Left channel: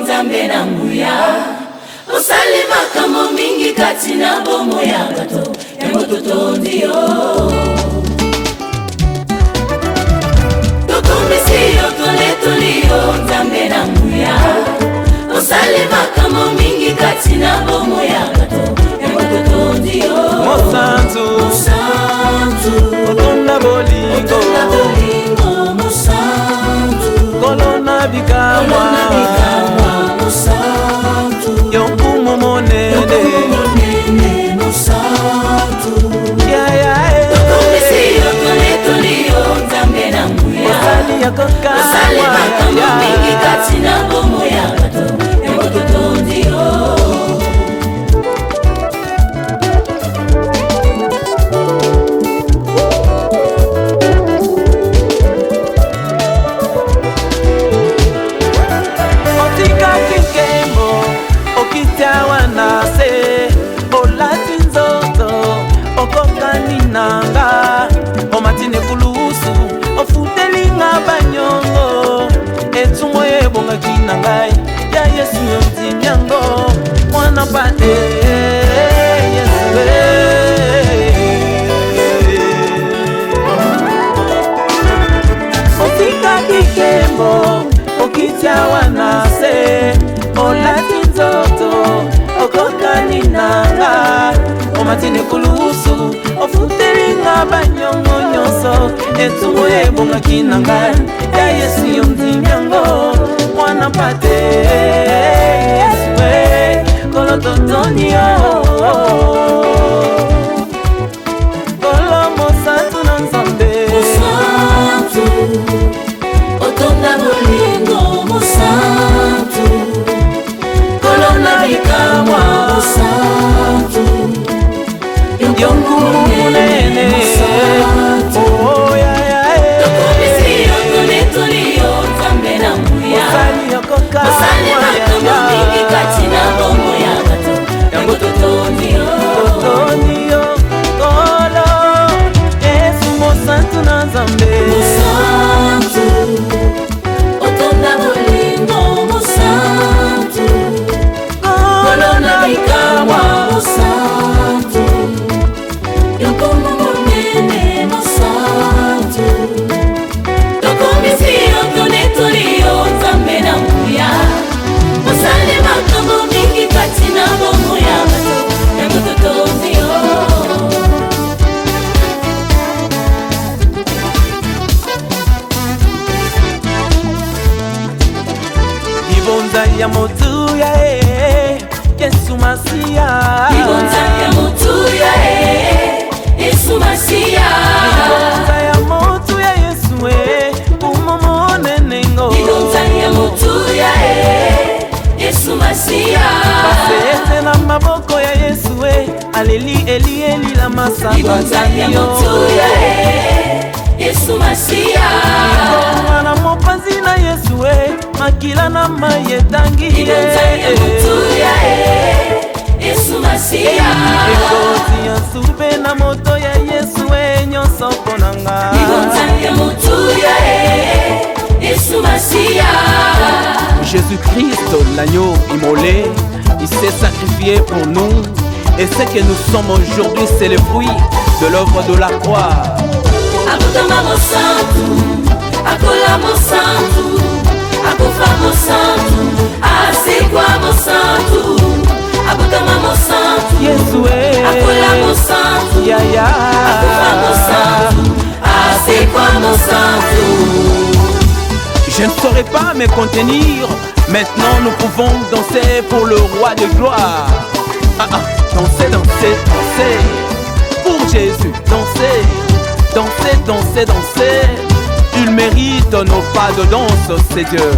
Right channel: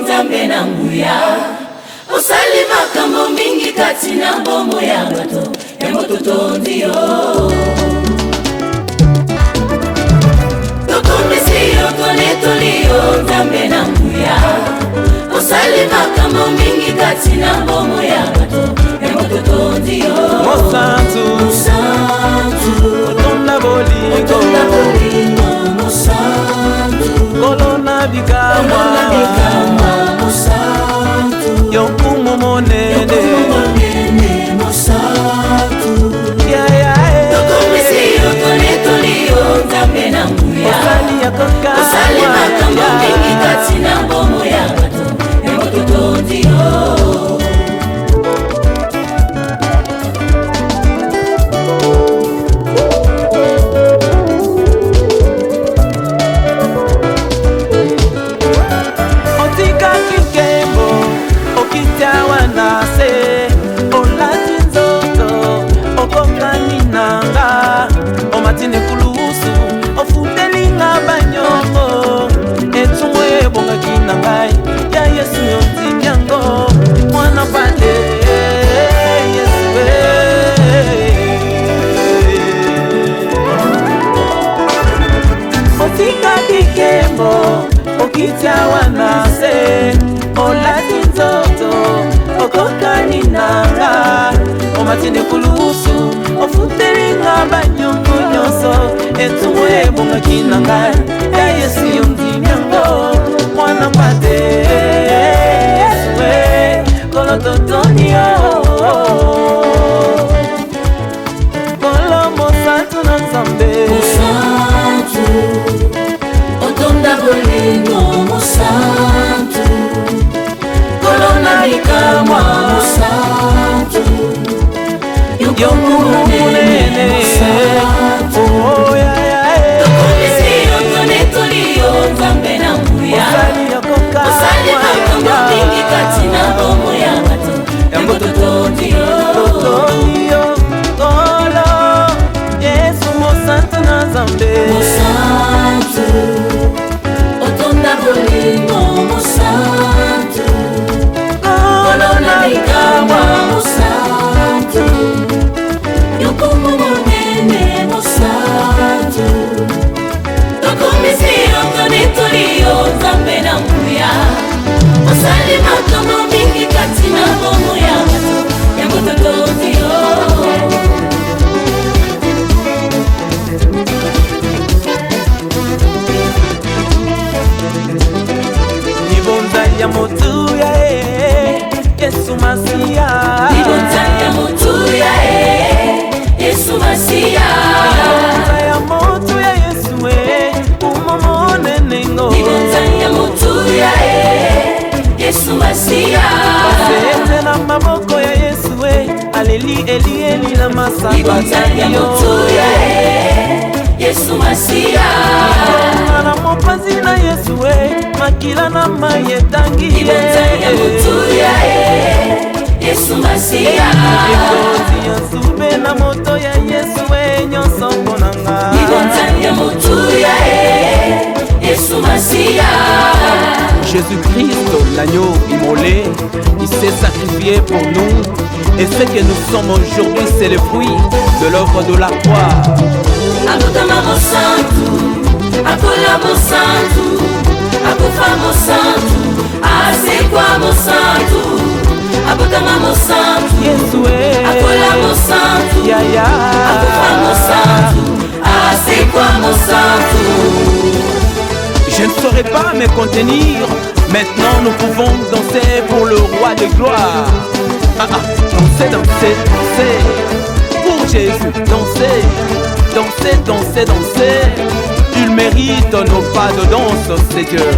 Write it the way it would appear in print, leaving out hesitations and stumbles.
nzambe na nguya osalima kambo mingi kati na mbongo ya bato yango totondi yo tokomisi yo toletoli yo nzambe na nguya osalima kambo mingi kati na mbongo ya bato yango totondi yo Mosantu otonda bolingo kolona bikamwa yonkumu monene osali yako kamwa otika kinkembo okitawa nase olati nzoto okokani nanga omatine kulusu ofutelinga banyongo etumo ebonga kinangai ya Yesu yontimyango mwana pate Yesu otika kikembo okitawa nase olati nzoto okokani nanga omatine kulusu ofutelinga banyongo nyonso etumo ebonga kinanga ya Yesu yondimyango mwana pate Yesu kolo totoni yo kolo mosantu na nzambe yonkumu munene oh osali yako kamwa yango totoni yo kolo Yesu mosantu na nzambe kolo na bikamwa ya motu ya Yesu Masia libonza ya motu ya Yesu umomone nengo basete na maboko ya Yesu aleli eli la masapatani yo likonga na mopanzi na Yesu makila na mayetangi ekoti ya sube na moto ya Yesu nyonso ponanga Jésus-Christ, l'agneau immolé, il s'est sacrifié pour nous. Et ce que nous sommes aujourd'hui, c'est le fruit de l'œuvre de la croix. Yesu yaya c'est quoi mon sang. Je ne saurais pas me contenir. Maintenant nous pouvons danser pour le roi de gloire. Danser, danser, danser pour Jésus. Danser, danser, danser, danser. Il mérite nos pas de danse, c'est Dieu.